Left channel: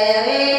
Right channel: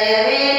aí